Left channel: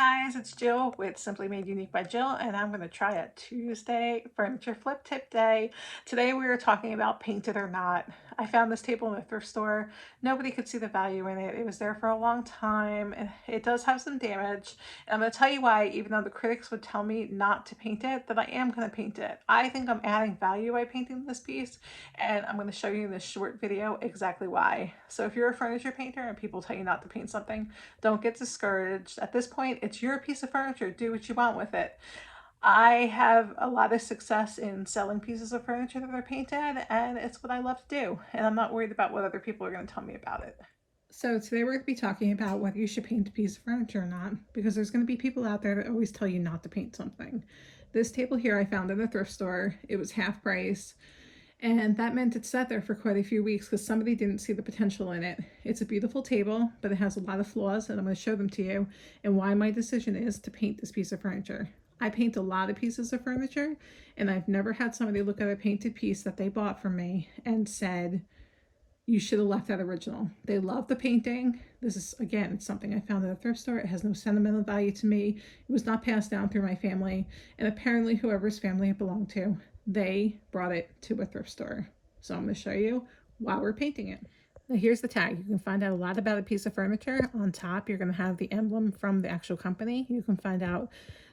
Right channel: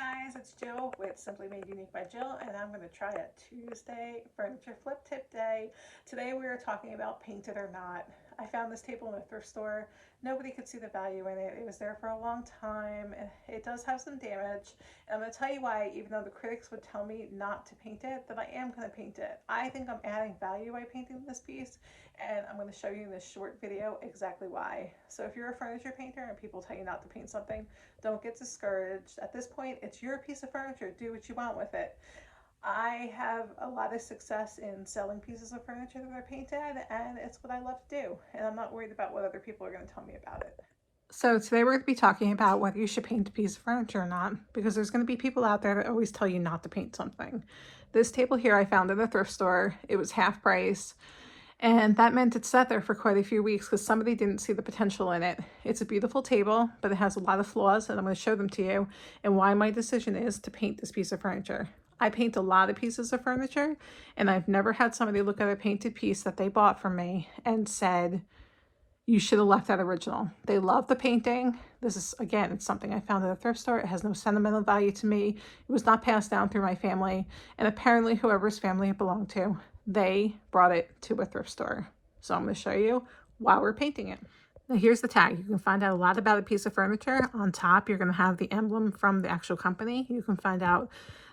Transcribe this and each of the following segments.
guys, it's Jill with Simply Made Unique by Jill, and I'm going to try a Tuesday furniture flip tip day. Today we were talking about painted or not. I found this table in a thrift store. Nobody could see the value in it. It was there for a long time, and it does have some damage. And I'm going to tell you why, even though the critics would tell me not to paint it, that I am going to paint it. I think I'm adding value by painting this piece, and I'm going to show you in this short video exactly why. So if you're a furniture painter and people tell you not to paint something, don't get discouraged. At this point, it's your piece of furniture. Do what you want with it. I have a lot of success in selling pieces of furniture that are painted, and it's what I love to do. And I'm not worried about what other people are going to tell me about it. So today we're going to be talking about whether you should paint a piece of furniture or not, because there's going to be people out there that always tell you not to paint something. This table here I found in a thrift store. It was half price. And that meant it sat there for quite a few weeks because somebody didn't see the potential in it. It's a beautiful table, but it has a lot of flaws, and I'm going to show them to you and why my decision is to paint this piece of furniture. I paint a lot of pieces of furniture, and I've never had somebody look at a painted piece that they bought from me and said, you should have left that original. They love the painting. This is, again, it's something I found at a thrift store. It has no sentimental value to me. It was not passed down through my family, and apparently whoever's family it belonged to, they brought it to a thrift store. So I'm going to show you why we're painting it. Now here's the tag. You can find out a lot about a piece of furniture. On top, you're going to have the emblem from the actual company. You can find out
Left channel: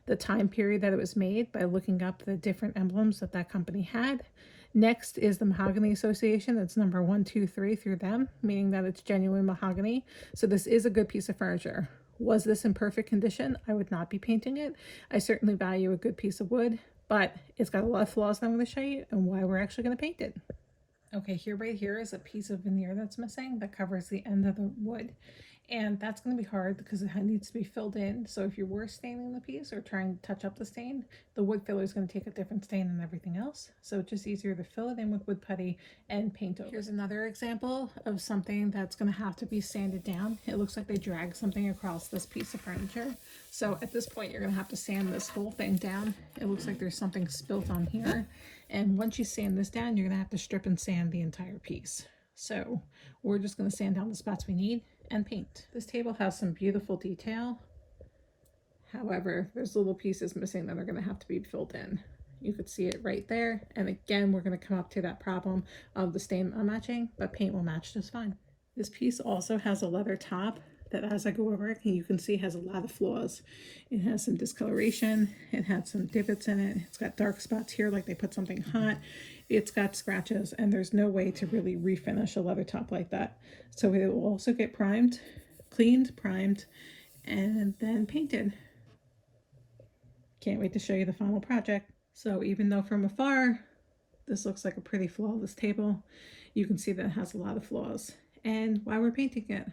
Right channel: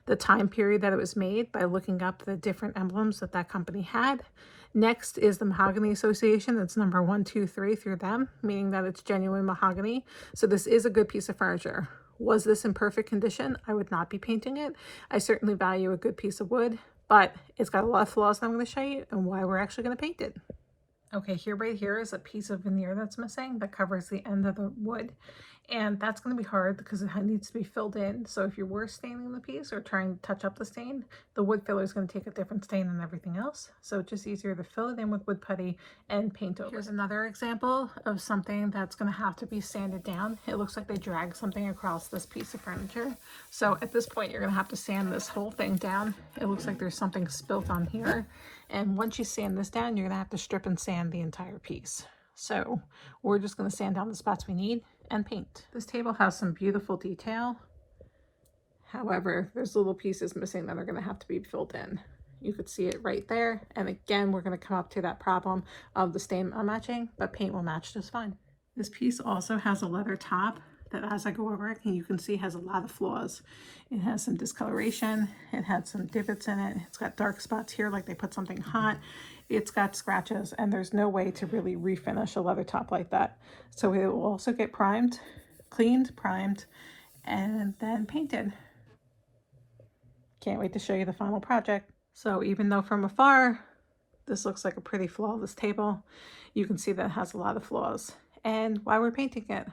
the time period that it was made by looking up the different emblems that that company had. Next is the Mahogany Association. That's number 123 through them, meaning that it's genuine mahogany. So this is a good piece of furniture. Was this in perfect condition? I would not be painting it. I certainly value a good piece of wood, but it's got a lot of flaws that I'm going to show you and why we're actually going to paint it. Okay, right here is a piece of veneer that's missing that covers the end of the wood. And that's going to be hard because it needs to be filled in. So if you're worse staining the piece or trying to touch up the stain, the wood filler is going to take a different stain than everything else. So it's just easier to fill it in with wood putty and paint over. Here's another example of something that's going to have to be sanded down. It looks like they dragged something across this piece of furniture. So at this point, you're going to have to sand this whole thing down. It looks like there's something spilt on here. And once you sand this down, you're going to have to strip and sand the entire piece. So we're just going to sand down the spots we need and paint. This table has some beautiful detail. However, there's little pieces missing that are going to have to be filled in. You could see it right there. And again, we're going to come up to that problem of the stain not matching, but paint will match just fine. This piece also has a leather top that, as I go over it, you can see has a lot of flaws. It has some discoloration. It had some divots in it. It's got dark spots here like they put something hot. It's got scratches, and there's no way to really refinish a leather top like that. So it will also get primed, cleaned, primed, and then painted. Can't wait to show you the final project. So even though from afar, this looks like a pretty flawless table, you can see that it has a lot of flaws. And why we're painting it.